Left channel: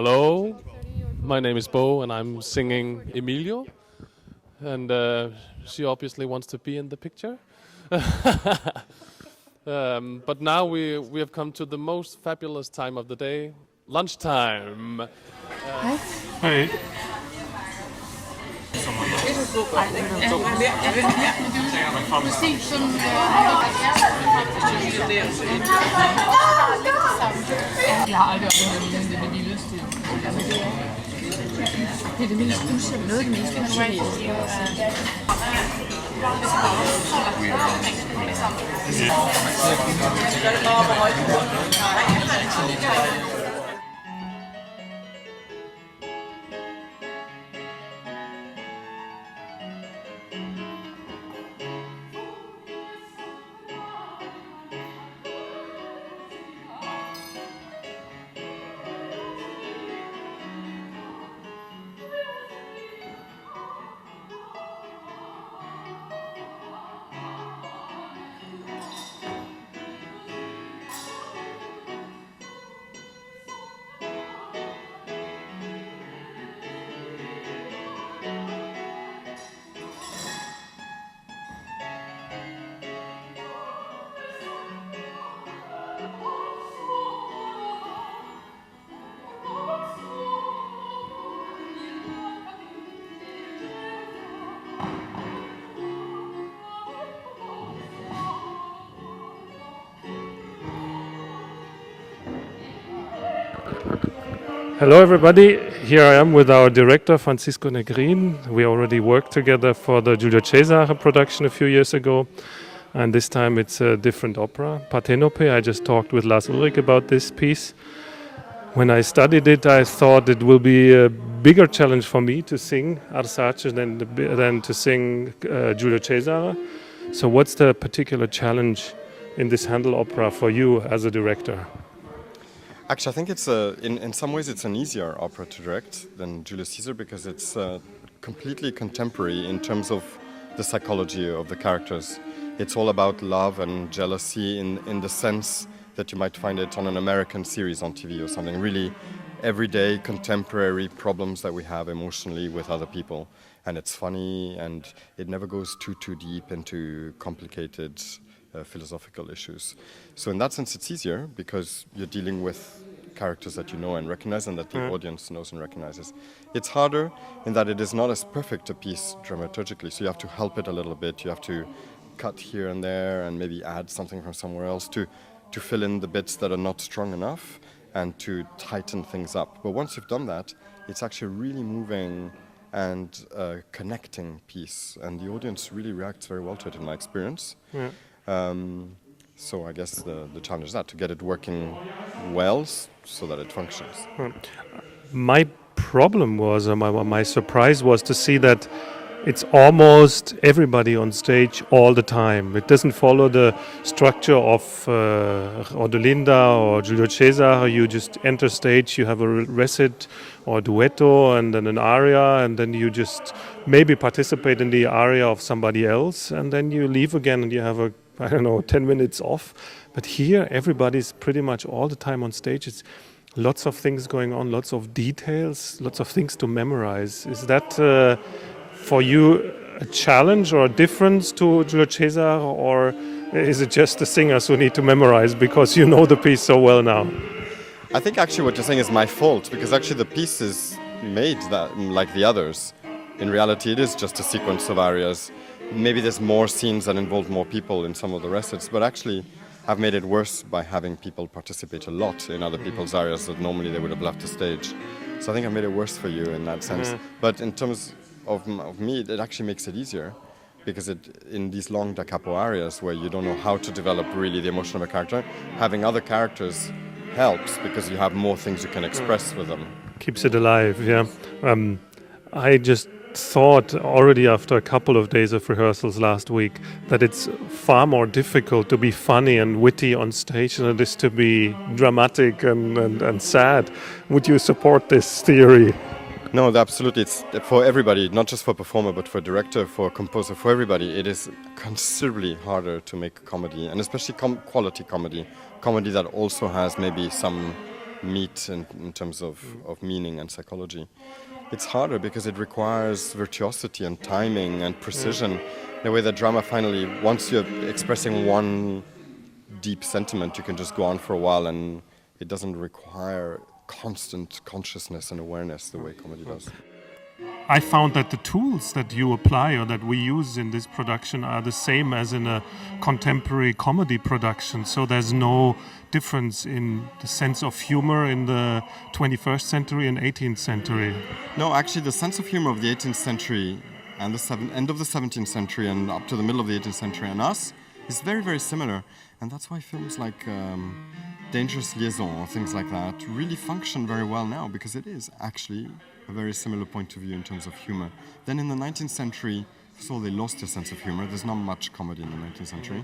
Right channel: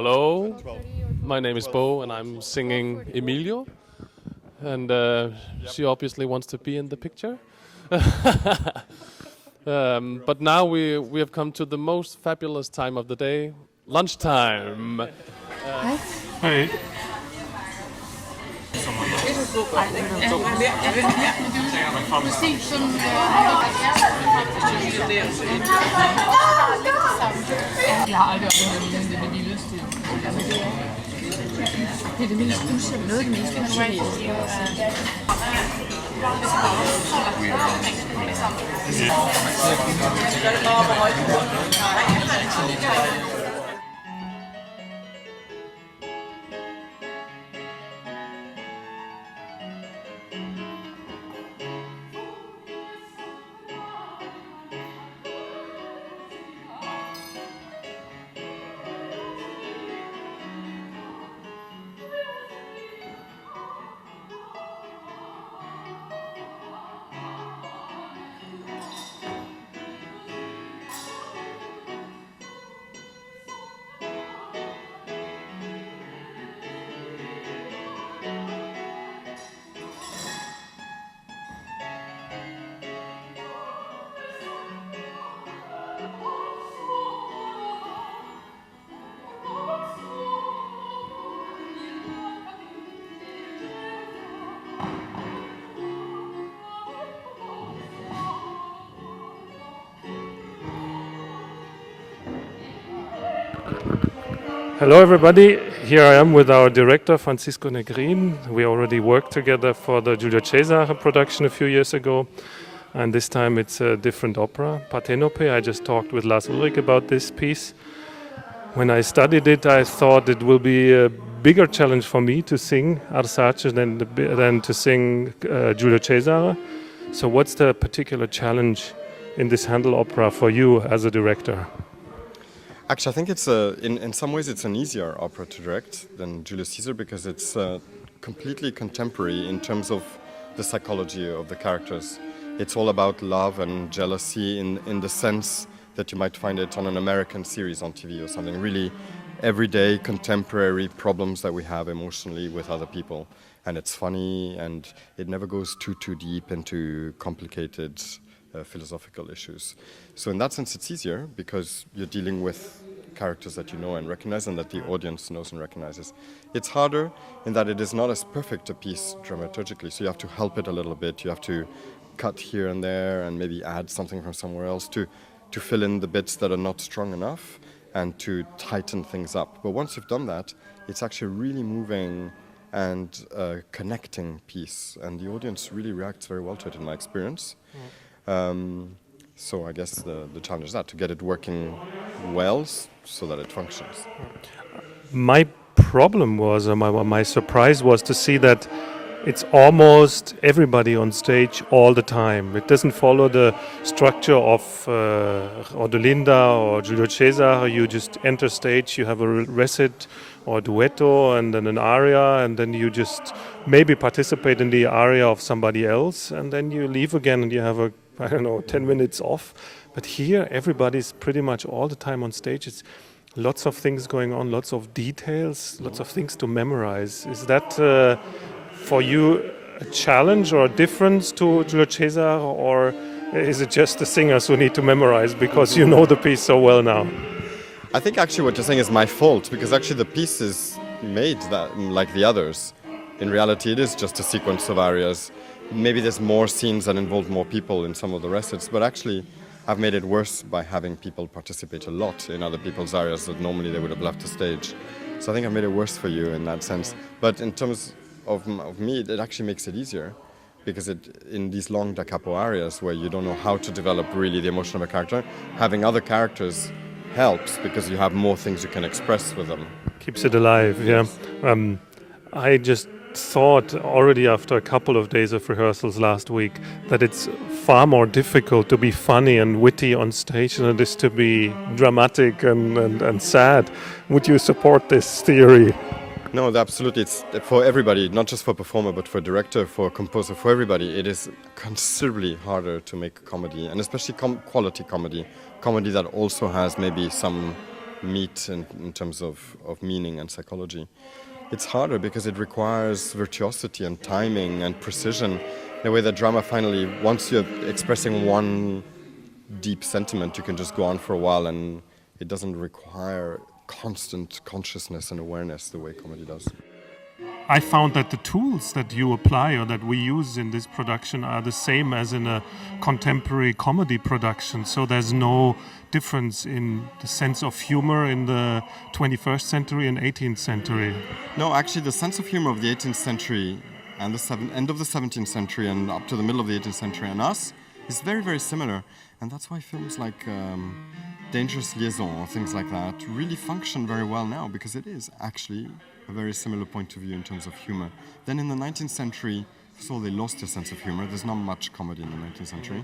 Hello, my name is Bo and I'm singing Emilio. And she obviously wants to be in the picture. But now we have come to the most fabulous time of the day, lunchtime. Hey. Jeg har aldrig oplevet det vildeste. Det er det mest usædvanlige, noget af det mest usædvanlige. Hello everybody, here I am with our director Francisco Negrin. We already worked together for the Giulio Cesare production a few years ago, and this time it's a different opera, Partenope. I just talked with Lars Ulrich about this piece. When I studied it, I thought it will be a bigger challenge for me to sing Arsace than to sing Giulio Cesare. So what's the particular challenge in this Handel opera for you as a director? Actually, I think it's in some ways it's an easier opera to direct than Julius Caesar because it's completely contemporary in terms of the psychology of the characters. It's all about love and jealousy in the sense that you might find it on an American series on TV or something. Really everyday contemporary problems that we have emotionally with other people. And it's funny and it never goes too deep into complicated philosophical issues. So in that sense it's easier because you're dealing with characters that you know and recognize and that the audience knows and recognizes. It's harder in that it is not as perfect a piece dramaturgically, so you have to help it a little bit. You have to cut here and there and maybe add something from somewhere else to fill in the bits that are not strong enough and to tighten things up. But once you've done that, it's actually a really moving and connecting piece, and the audience really reacts very well to it in my experience. So I guess the challenge is that, to get it working well so that it functions. My problem was, my surprise was to see that it's almost everybody on stage all the time. It doesn't follow the structure of Ordolinda or Giulio Cesare. You just enter stage, you have a recit or duetto and then an aria, and then you just maybe participate in the aria of somebody else, and then you leave again and you have 10 minutes off. But here everybody's pretty much all the time on stage. It's lots of things going on, lots of details, lots of things to memorize. Is that for you a challenge or a difference to Giulio Cesare, or is it just the singers who need to memorize because you know the piece so well now? I think actually what you're saying is my fault, because actually the piece is made that like the others. In reality it is just a sequence of arias. Maybe there's more scenes that involve more people in some of the recits, but actually I've made it worse by having people participate a lot in other people's arias that normally they would have left the stage. So I think I've made it worse for you in that sense. But in terms of me, it actually makes it easier, because in these long da capo arias where you don't know how to develop really the emotion of a character, having other characters helps because you have more things you can express with them. Keeps it alive, yeah. I just thought already after a couple of days of rehearsals last week that it's far more difficult to be funny and witty on stage than it is to be dramatic and sad. Would you support this theory? No, absolutely. It's for everybody, not just for performer, but for director, for composer, for everybody. It is considerably harder to make comedy, and especially quality comedy that also has maybe some meet in terms of meaning and psychology. It's harder because it requires virtuosity and timing and precision. The way that drama finally, once you're expressing one deep sentiment, you can just go on for a while, and it doesn't require constant consciousness and awareness the way comedy does. I found that the tools that you apply or that we use in this production are the same as in a contemporary comedy production. So there's no difference in the sense of humor in the 21st century and 18th century. No, actually, the sense of humor of the 18th century and the end of the 17th century and up to the middle of the 18th century and us is very, very similar. And that's why films like Dangerous Liaison or things like that really function very well now, because it is actually a very similar point of view in terms of humor. Then in the 19th century, first of all, they lost their sense of humor. There's not much comedy in the 19th century.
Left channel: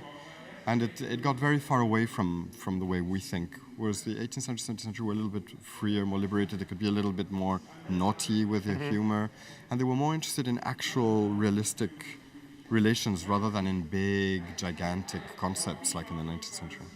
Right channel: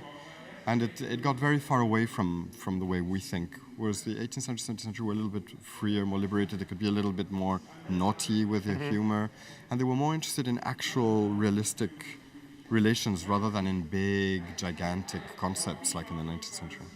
And it got very far away from the way we think. Whereas the 18th century, 17th century were a little bit freer, more liberated. They could be a little bit more naughty with their humor. And they were more interested in actual realistic relations rather than in big, gigantic concepts like in the 19th century.